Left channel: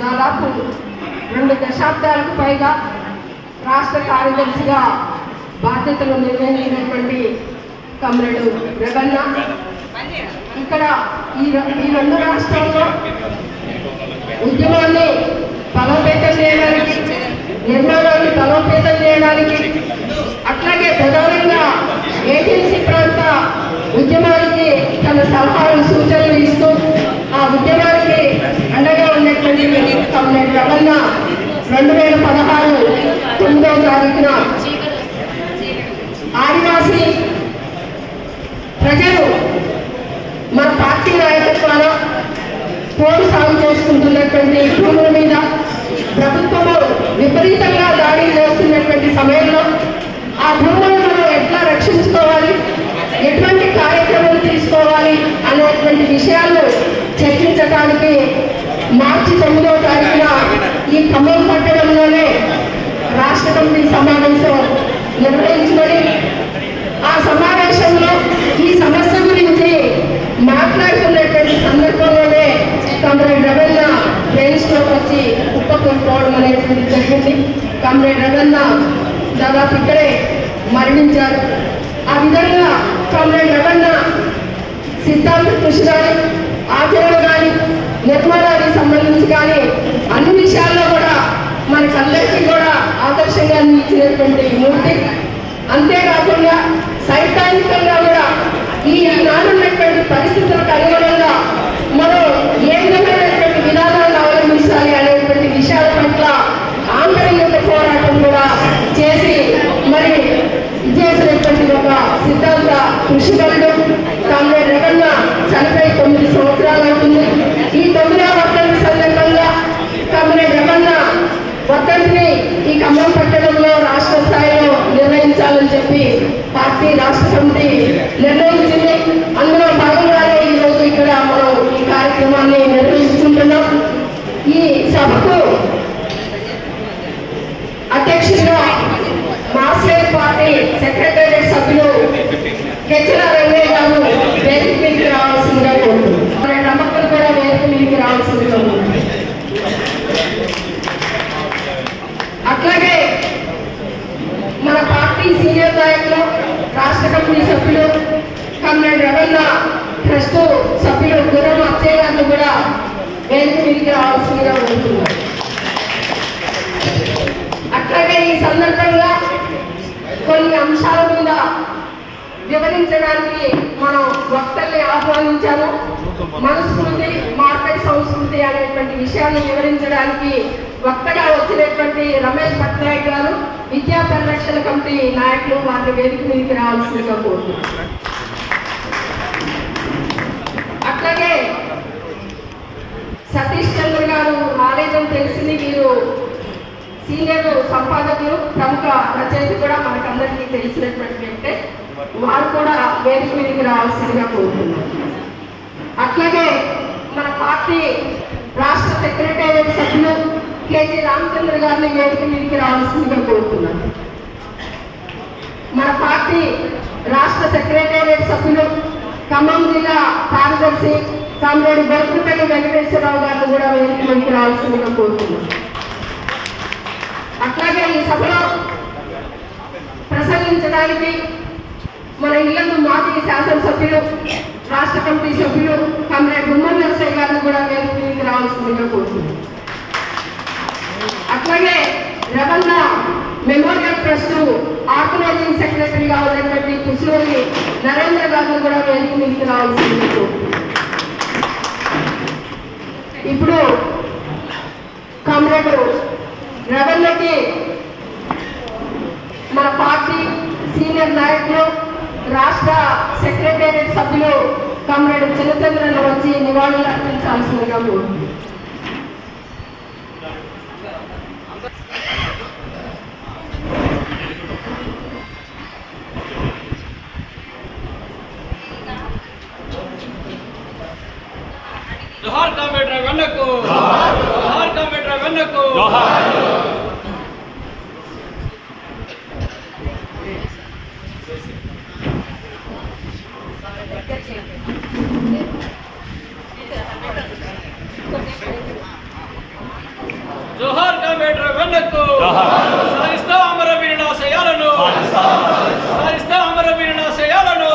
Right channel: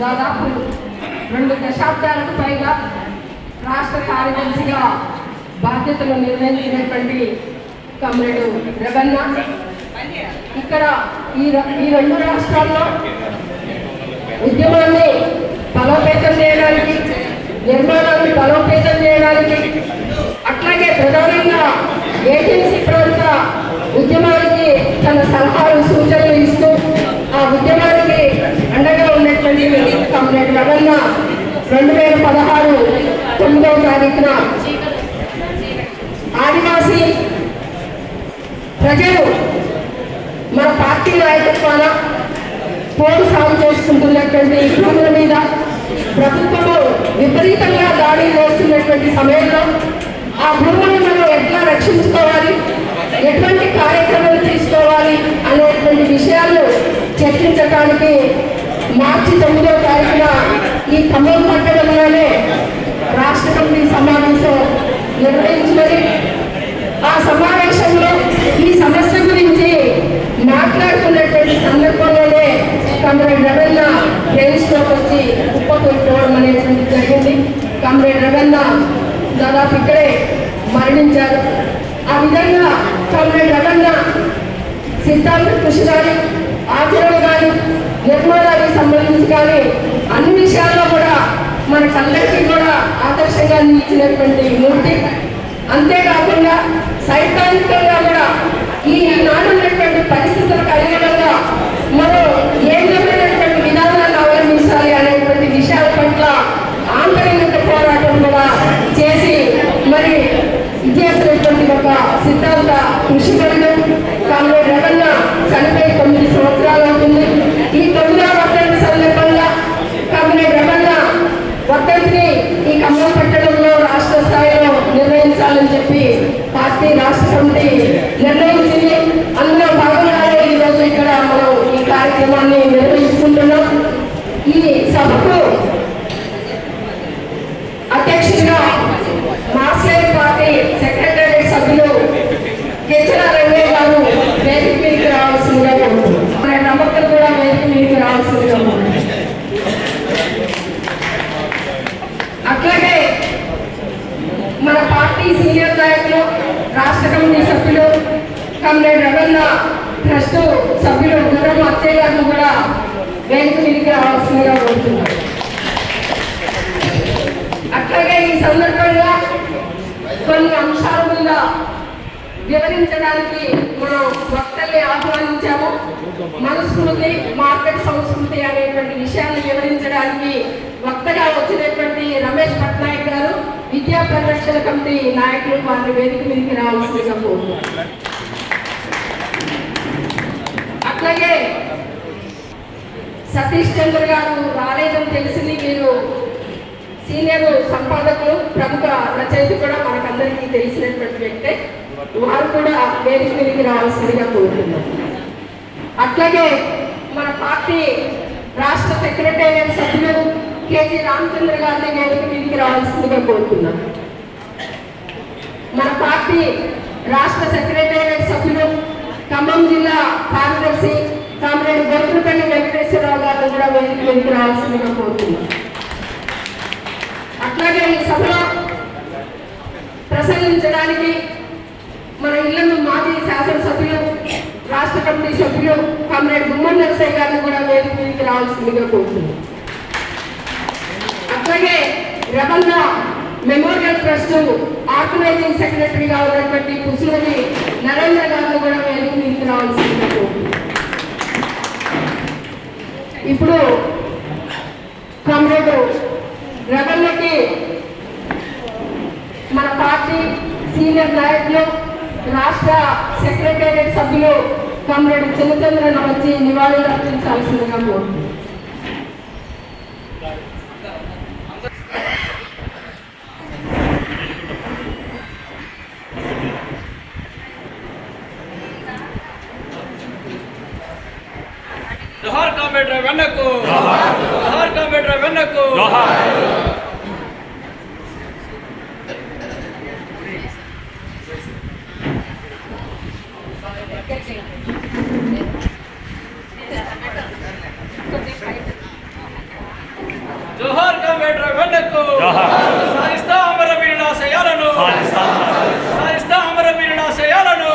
దాదాపు రెండు దశాబ్దాలకు పైగా రాష్ట్ర కార్యదర్శిగా బాధ్యతలు నిర్వహించినటువంటి కమ్రేడు రగన్న ఇక్కడ ఈ ఈ రెండు రాష్ట్రాల్లో ఉద్యమాన్ని బలోపేతం చేయడానికి నిర్మాణాన్ని బలోపేతం చేయడానికి అట్లాగే ప్రధానంగా ఏజెన్సీ ప్రాంత ఉద్యమానికి తన సలహాలు సూచనలు ఇస్తూ ఆ ఉద్యమాన్ని రమణ రెండు వేల పదహారు తొమ్మిదవ తారీఖున ఆదివాసీ ప్రజలు మన పార్టీ నాయకత్వాల పోరు సాగు చేసుకుంటున్నటువంటి భూముల మీద ప్రభుత్వము విపరీతంగా దాడి చేస్తున్నటువంటి సమయంలో ఆ భూములను మనం ఎట్లా రక్షించుకోవాలి ఎటువంటి కార్యక్రమాలు తీసుకోవాలి అనేటువంటి విషయాలు చర్చించడానికి మార్చి తొమ్మిదవ తారీఖున ఈ ఖమ్మం పట్టణంలోనే రాష్ట్ర కమిటీ సమావేశం నిర్వహించుకొని ఆ సమావేశంలో ఈ సమస్య గురించి మాట్లాడుతున్నటువంటి సందర్భంలోనే కమ్రేడ్ రవీంద్ర ట్రైన్స్లోకి వచ్చి కుప్పకొట్టుకోవడం అనేటువంటి జరిగింది కమ్రేడ్ రవీంద్ర దాదాపు ఇక్కడే మరణించారు ఆ విధంగా కమ్రేడ్ రవీంద్ర సిద్ధాంత కృషి కానీ ఆచరణ కానీ నిర్మాణానికి సంబంధించి కానీ అన్ని విషయాల్లో కూడా మనకందరికీ కూడా ఆదర్శంగా నిలిచినటువంటి మూర్తి. అంతేకాకుండా సైద్ధాంతికంగా కూడా ఈ నాడున్నటువంటి పరిస్థితులకు అనుగుణంగా మనం ఏ విధమైనటువంటి విధానాలను అవలంబించాలి అనేటువంటి విషయాల పట్ల ఆంతరిక పోరాటం కూడా చేసి మరి చేసినటువంటి ఒక సిద్ధాంత కృషి కాంగ్రెస్ రగన్న చనిపోయి తొమ్మిది సంవత్సరాలు అవుతుంది ఈ తొమ్మిదవ వర్ధంతి సందర్భంగా కాంగ్రెస్ రగన్న వర్ధంతిని ఈ ఖమ్మం పట్టణంలో రాష్ట్ర స్థాయిలో నిర్వహించాలని చెప్పి పార్టీ రాష్ట్ర సమితి నిర్ణయించింది అందులో భాగంగానే ఈరోజు ఇక్కడ మనం ఈ కార్యక్రమాన్ని నిర్వహించుకుంటున్నాం ఈ సభకు అధ్యక్షుడిగా మాస్టర్ పార్టీ సెక్రటరీ సభ్యులు కెచ్చల రంగయ్య గారు వేదిక మీదకి రావాల్సిందిగా కోరుతున్నాం. మన నమ్మకం కూడా వేదిక మీదకి రావాల్సిందిగా కోరుతున్నాం. అట్లాగే మన పార్టీ సీనియర్ నాయకులు రాష్ట్ర కమిటీ సభ్యులు కమ్రేడ్ రవణ ట్రస్ట్ సభ్యులు గుర్రం అచ్చయ్య గారిని కూడా వేదిక మీదకి రావాల్సిందిగా కోరుతున్నాను. అట్లాగే ఈ సందర్భంగా కొన్ని అంశాల మీద వివరించడానికి మనం వక్తల్ని ఆహ్వానించాము. మనస్మృతి మార్కెట్ సంస్కృతి అనేటువంటి విషయాన్ని వివరించడానికి వక్తగా వచ్చినటువంటి రమేష్ పట్నాయక్ గారు విద్యా పరిరక్షణ కమిటీ నాయకులు వారి వేదిక మీదకి రావాల్సిందిగా కోరుతున్నాం అట్లాగే సతీష్ చంద్ర గారు రాలేదని తెలిసింది మీరు సీనియర్ సంపాదకులు ప్రముఖ రచయిత కూడా మనకందరికీ తెలిసినటువంటి వ్యక్తే. వారు కూడా వేదిక మీదకి రావాల్సిందిగా కోరుతున్నాం అట్లాగే మన పార్టీ రాష్ట్ర సెక్రటేరియట్ సభ్యులు కేజీ రామచంద్ర గారిని వేదిక మీదకి రావాల్సిందిగా కోరుతున్నాం మన పార్టీ రాష్ట్ర సెక్రటేరియట్ సభ్యులు ఖమ్మం జిల్లా కార్యదర్శి కామ్రేడ్ బతుకుపల్లి వెంకటేశ్వరరావు గారు కూడా వెళ్ళి మీదకి రావాల్సిందిగా కోరుతున్నాం అట్లాగే ఈ సభలో ప్రసంగించడానికి మన ఇళ్ళను మాజీ శాసనసభ్యులు రాష్ట్ర కమిటీ సభ్యులు కమ్రేడ్ గుమ్మడి నరసయ్య గారు కూడా వేదిక మీదకి రావాల్సిందిగా కోరుతున్నాం అట్లాగే రవణ మెమోరియల్ ట్రస్ట్ ఆర్గనైజింగ్ సెక్రటరీగా ఉన్నటువంటి కుస్లోని నరేంద్ర గారిని కూడా వేదిక మీదకి రావాల్సిందిగా కోరుతున్నాం ఇప్పుడు కామ్రేడ్ రవణకి మన పార్టీ సీనియర్ నాయకులు రాష్ట్ర సెక్రటేరియట్ సభ్యులు కామ్రేడ్ చిన్నచంద్రన్ వచ్చి నివాళులు అర్పించాల్సిందిగా వెనక్కు. జోహార్ కంప్యూటర్ వెన్నకు జోహార్ కంప్యూటర్ వెన్నకు కామ్రేడ్ సాధిస్తా అమరవీరుల ఆశయాలను. సాధిస్తా అమరవీరుల ఆశయాలను.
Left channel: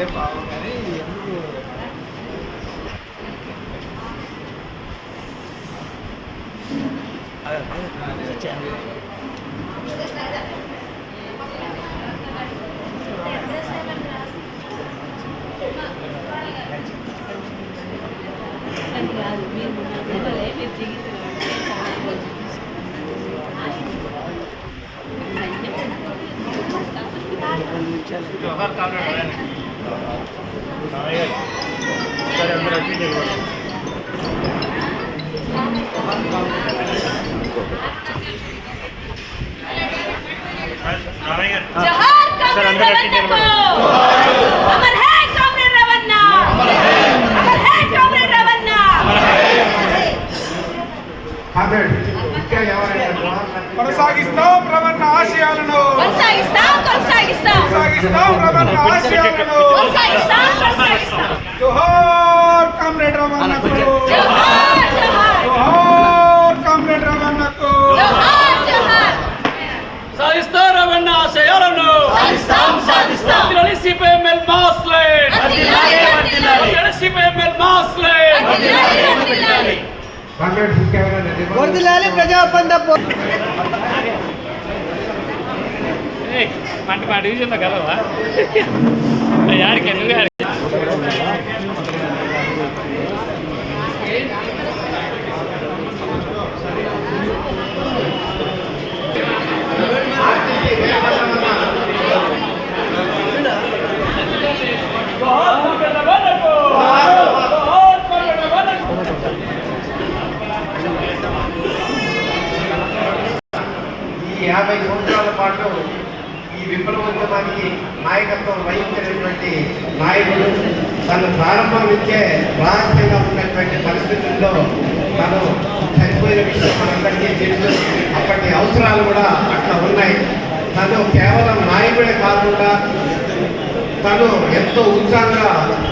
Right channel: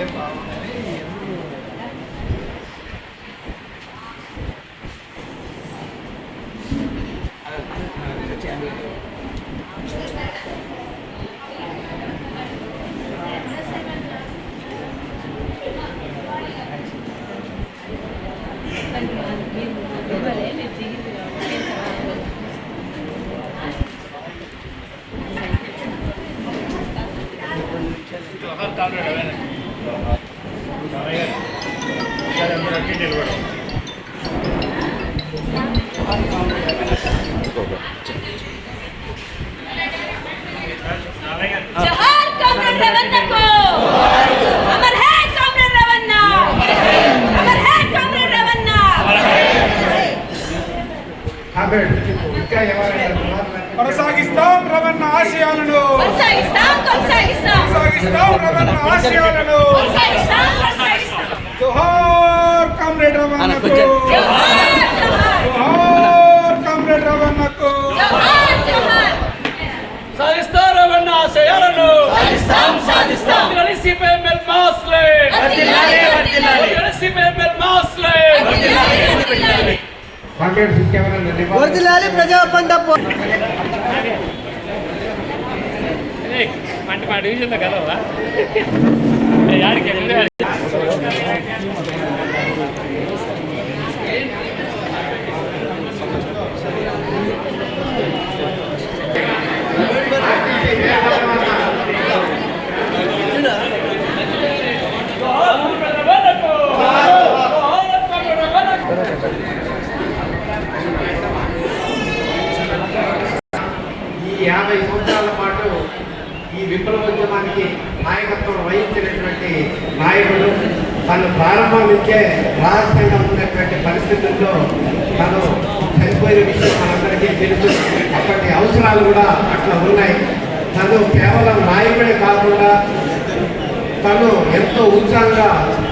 দেখতে পাও కొనసాగిస్తాం కొనసాగిస్తాం రవణ ఆశయాలను కొనసాగిస్తాం కొనసాగిస్తాం జోహార్ కామ్రేడ్ రవణకు జోహార్ జోహార్ జోహార్ కామ్రేడ్ రవణకు జోహార్ జోహార్ సాధిస్తా రవణ ఆశయాలను సాధిస్తాం సాధిస్తాం వదిలేని సిపిఎంఎల్ మాస్లెట్ అదిలాలి అదిలాలి వదిలేని సిపిఎంఎల్ మాస్లెట్ అదిలాలి అదిలాలి కామ్రేడ్స్ ఇంకెవరైనా నివాళులు- ప్రజాపండ అంటే మా డివిజన్లో కలవా? యాడికి నువ్వే ఈ యాభై సంవత్సరాల పాటు ఈ విప్లవోద్యమానికి నాయకత్వం వహించినటువంటి నాయకుడు తను ప్రారంభం నుంచే రహస్యంగా ఉన్నటువంటి పరిస్థితుల్లో తను చనిపోయిన విషయం మనందరికీ తెలుసు అక్కడి అవసరాలు కూడా అట్లా ఉన్నాయి తను కేవలం నాయకుడే కాకుండా తను ఎంతో ఉత్సాహంగా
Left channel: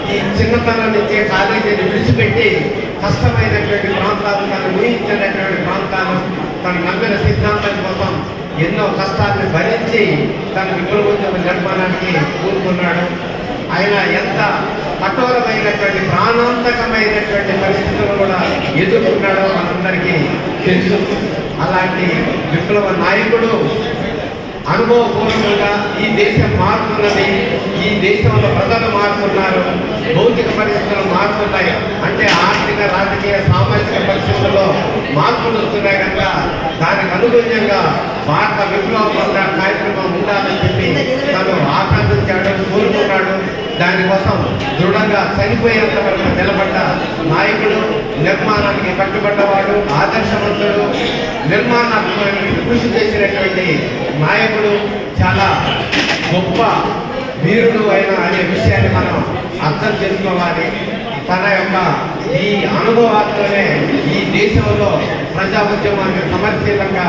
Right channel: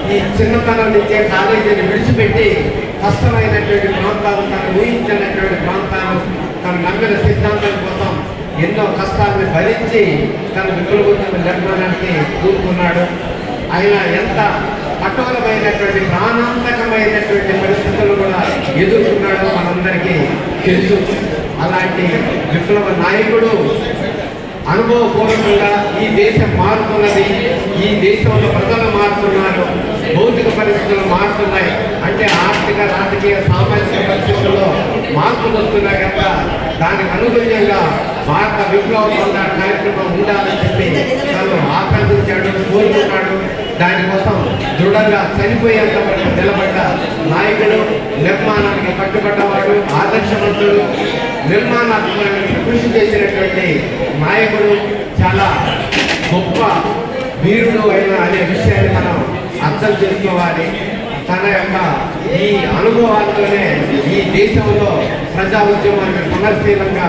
ఈ చిన్నతనం కాలేజీని విడిచిపెట్టి కష్టమైనటువంటి ప్రాంతాలు తను ఊహించినటువంటి ప్రాంతాలు తన నమ్మిన సిద్ధాంతం కోసం ఎన్నో కష్టాలను భరించి తన వికృతం జరపడానికి కూరుకున్నాడు ఆయన ఎంత కఠోరమైనటువంటి ప్రాణాంతకమైనటువంటి పరిస్థితులు కూడా ఎదుర్కొన్నాడో మనందరికీ తెలుసు. అలాంటి విప్లవ నాయకుడు అనుభవపూర్వకంగా ఈ దేశం మారుతున్నది ఈ దేశంలో ప్రజలు మారుతున్నారు భౌతిక పరిస్థితులు మారుతున్నాయి. అంటే ఆర్థిక రాజకీయ సామాజిక పరిస్థితుల్లో మార్పులు వస్తున్నాయి కనుక దానికి అనుగుణంగా భారత విప్లవం కార్యక్రమం ఉండాలని చెప్పి తను ఆకాంక్షించాడు కోరుకుంటాడు. దానికోసం దృఢంగా చనిపోయేంత వరకు నిలబడ్డ నాయకుడు నిర్మాణానికి కట్టుబడ్డవాడు ఆదర్శవంతుడు నిర్మాణాత్మక కృషి చేసినటువంటి నాయకుడు చాలా గొప్ప వీరుడు అయిన అనే విషయాన్ని మనం అర్థం చేసుకోవాలి. తన యొక్క ఈ అనుభవాలతోనే దేశంలో ప్రజా ఉద్యమాన్ని సమర్శీలంగా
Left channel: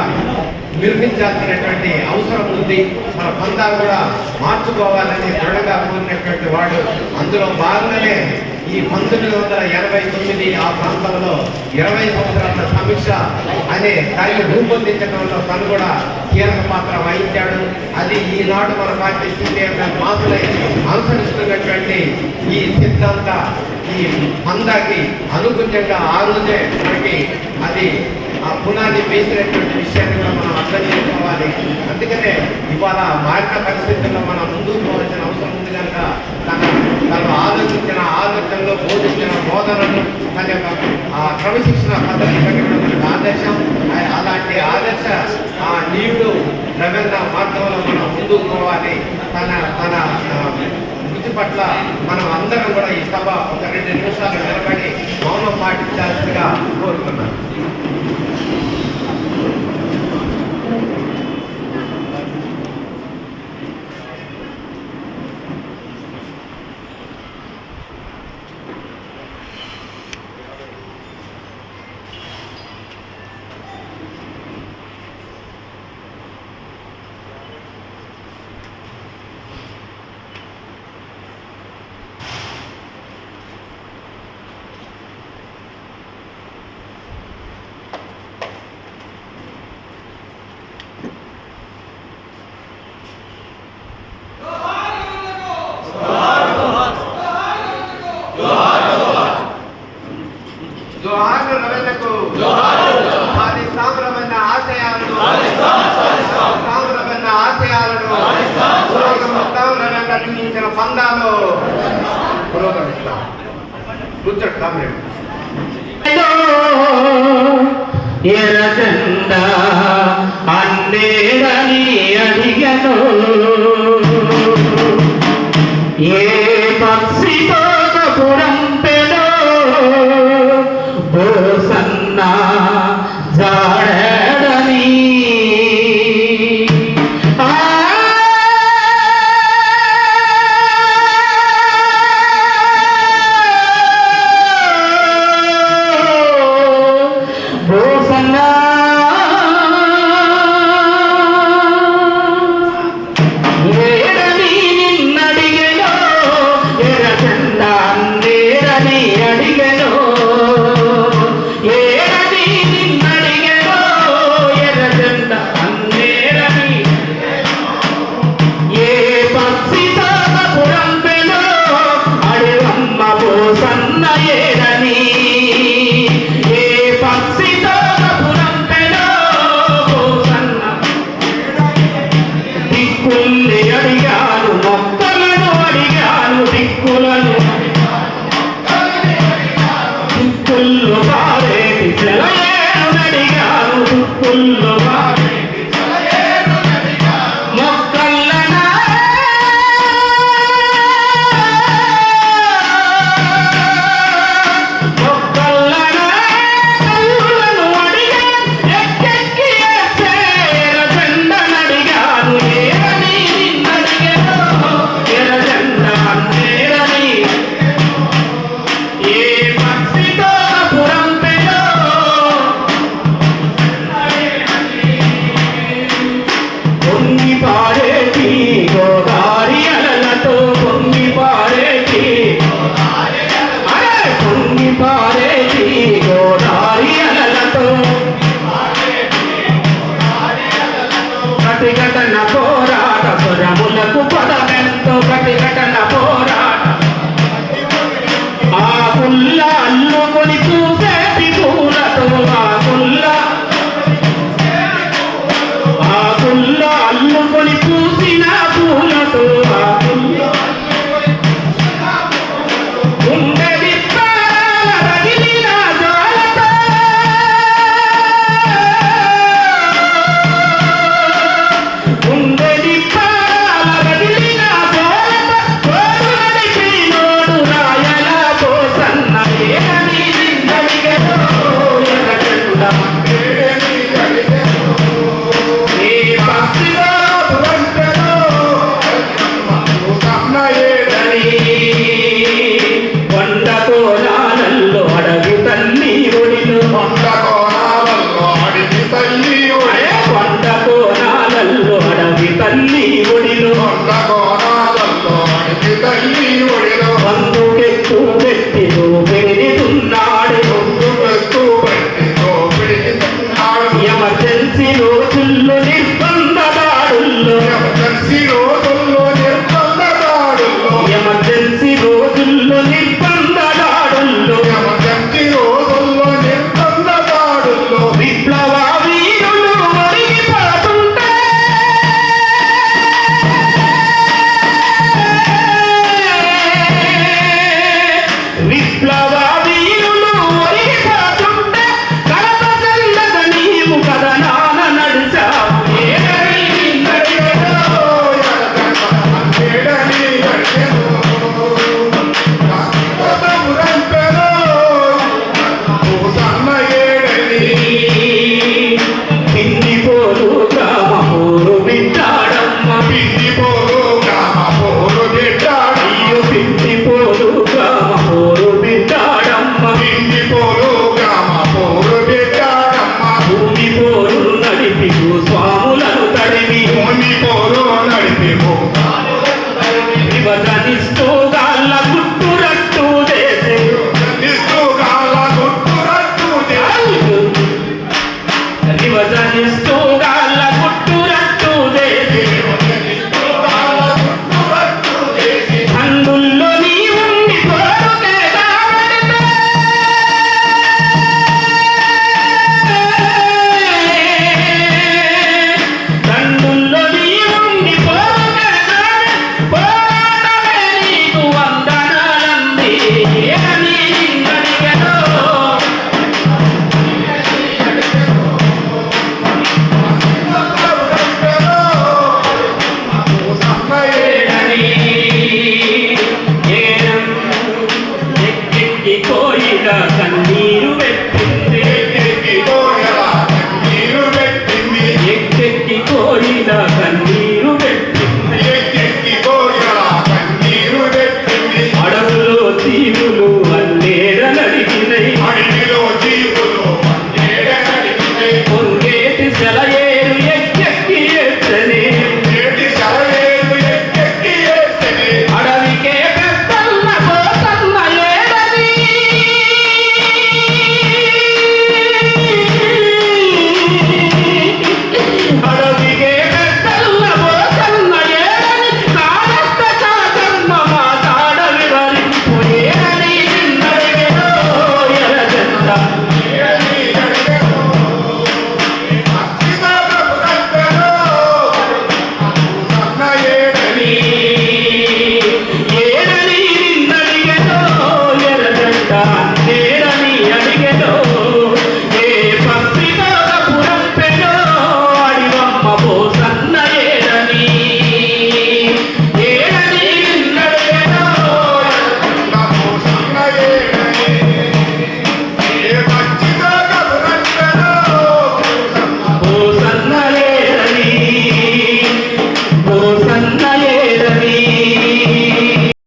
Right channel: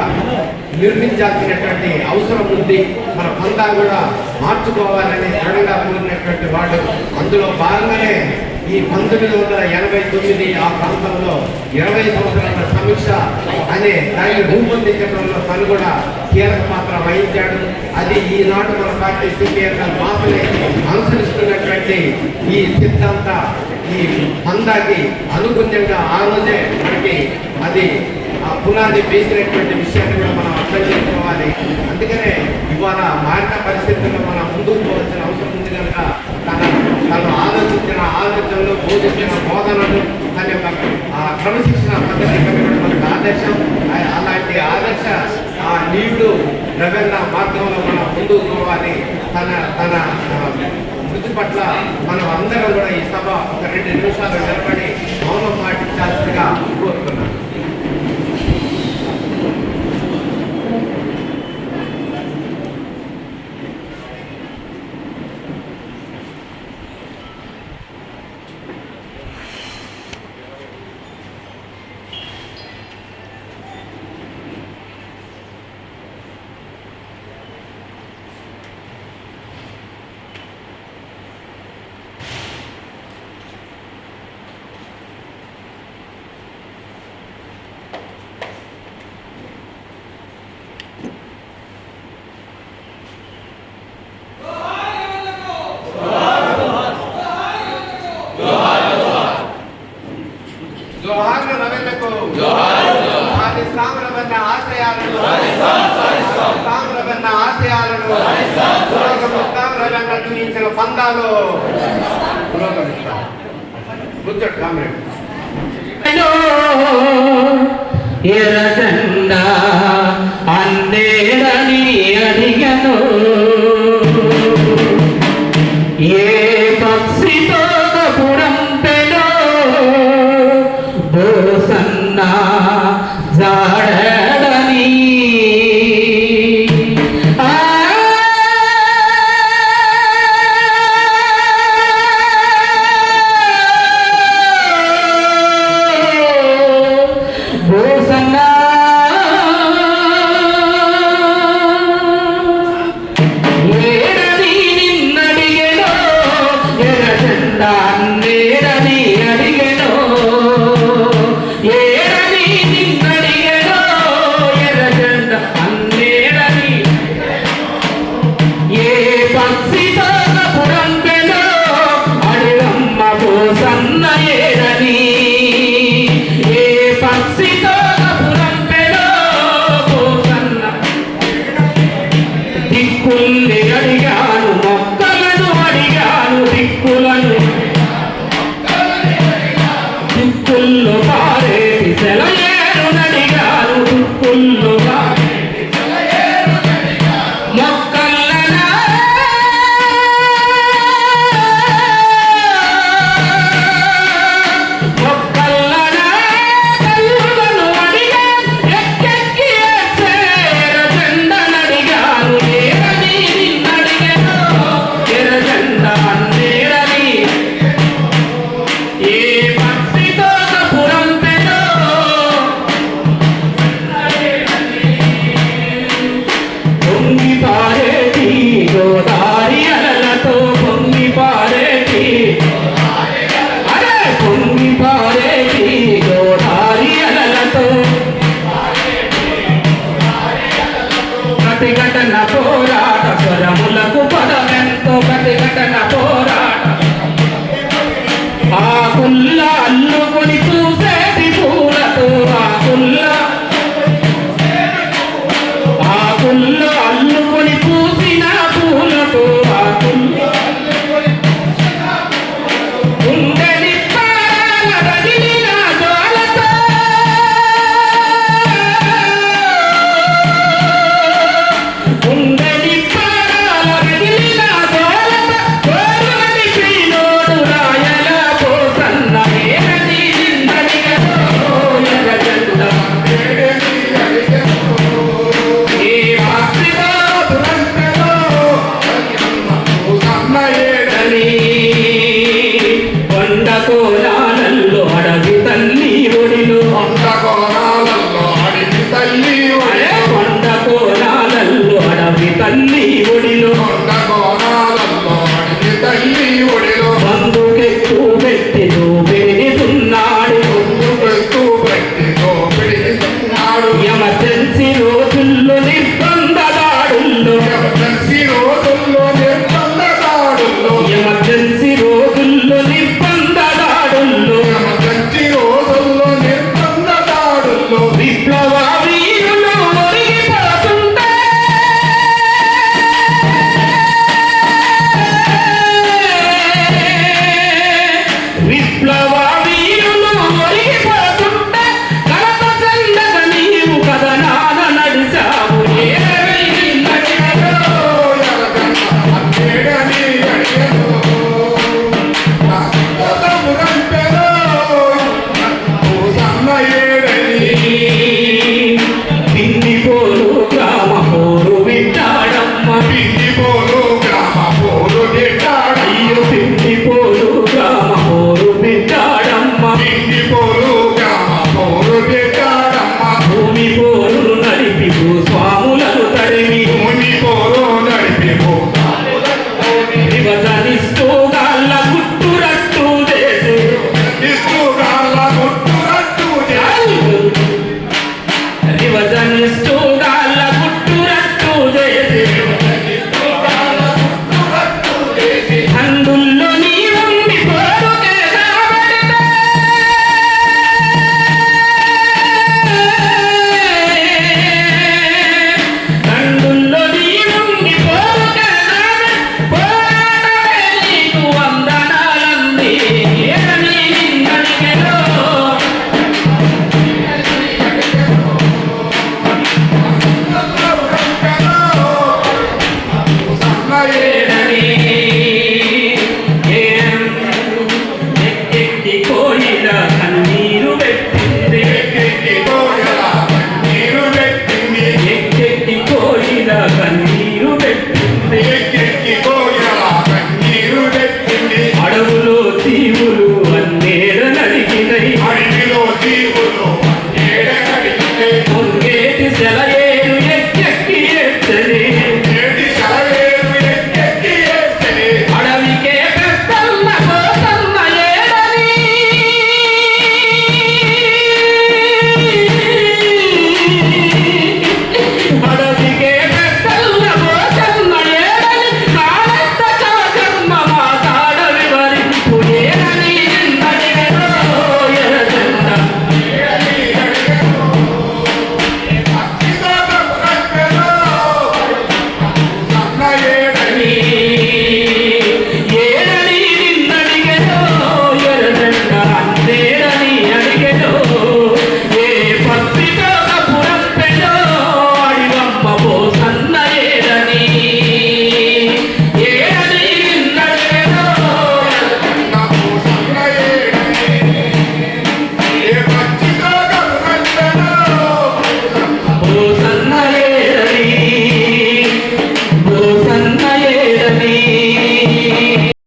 నిర్మించాల్సినటువంటి అవసరం ఉంది. మన పొందా కూడా మార్చుకోవాలని దృఢంగా కోరినటువంటి వాడు. అందులో భాగంగానే ఈ పంతొమ్మిది వందల ఎనభై తొమ్మిది ఆ ప్రాంతంలో ఇరవై సంవత్సరాల సమీక్ష అనే దాన్ని రూపొందించడంలో తను కూడా కీలక పాత్ర వహించాడు. అది ఈనాడు మన పార్టీ సిపిఎంఎల్ మాసులై అనుసరిస్తున్నటువంటి ఈ సిద్ధాంత ఈ పందాకి అనుగుణ్యంగా ఆ రోజే మనకి అది ఆ పునాది వేసినటువంటి విషయాన్ని కూడా మనం అర్థం చేసుకోవాలి. అందుకనే ఇవాళ మారిన పరిస్థితుల్లో మనం ముందుకు పోవాల్సిన అవసరం ఉంది కనుక తన తను ఆలోచించిన ఆలోచనలు బోధించిన బోధనలు తన యొక్క ఆ క్రమశిక్షణ పద్ధతి కలిగిన మనకు ఆదర్శం అలాంటి ఆదర్శ ఆ నీవుడు రవీంద్ర మార్గంలో మనం ముందుకు పోవాలి. తన తన ఆ, మృతి పట్ల మనం అందరం కూడా ఈ సభ ఒక రెండు నిమిషాలు నిలబడి మౌనం పాటించాల్సిందిగా ఎర్రజెండా అందేరని అడిగను ఏ పక్షితో కపురంపెనో బోసన్న జాడ রানী Silver.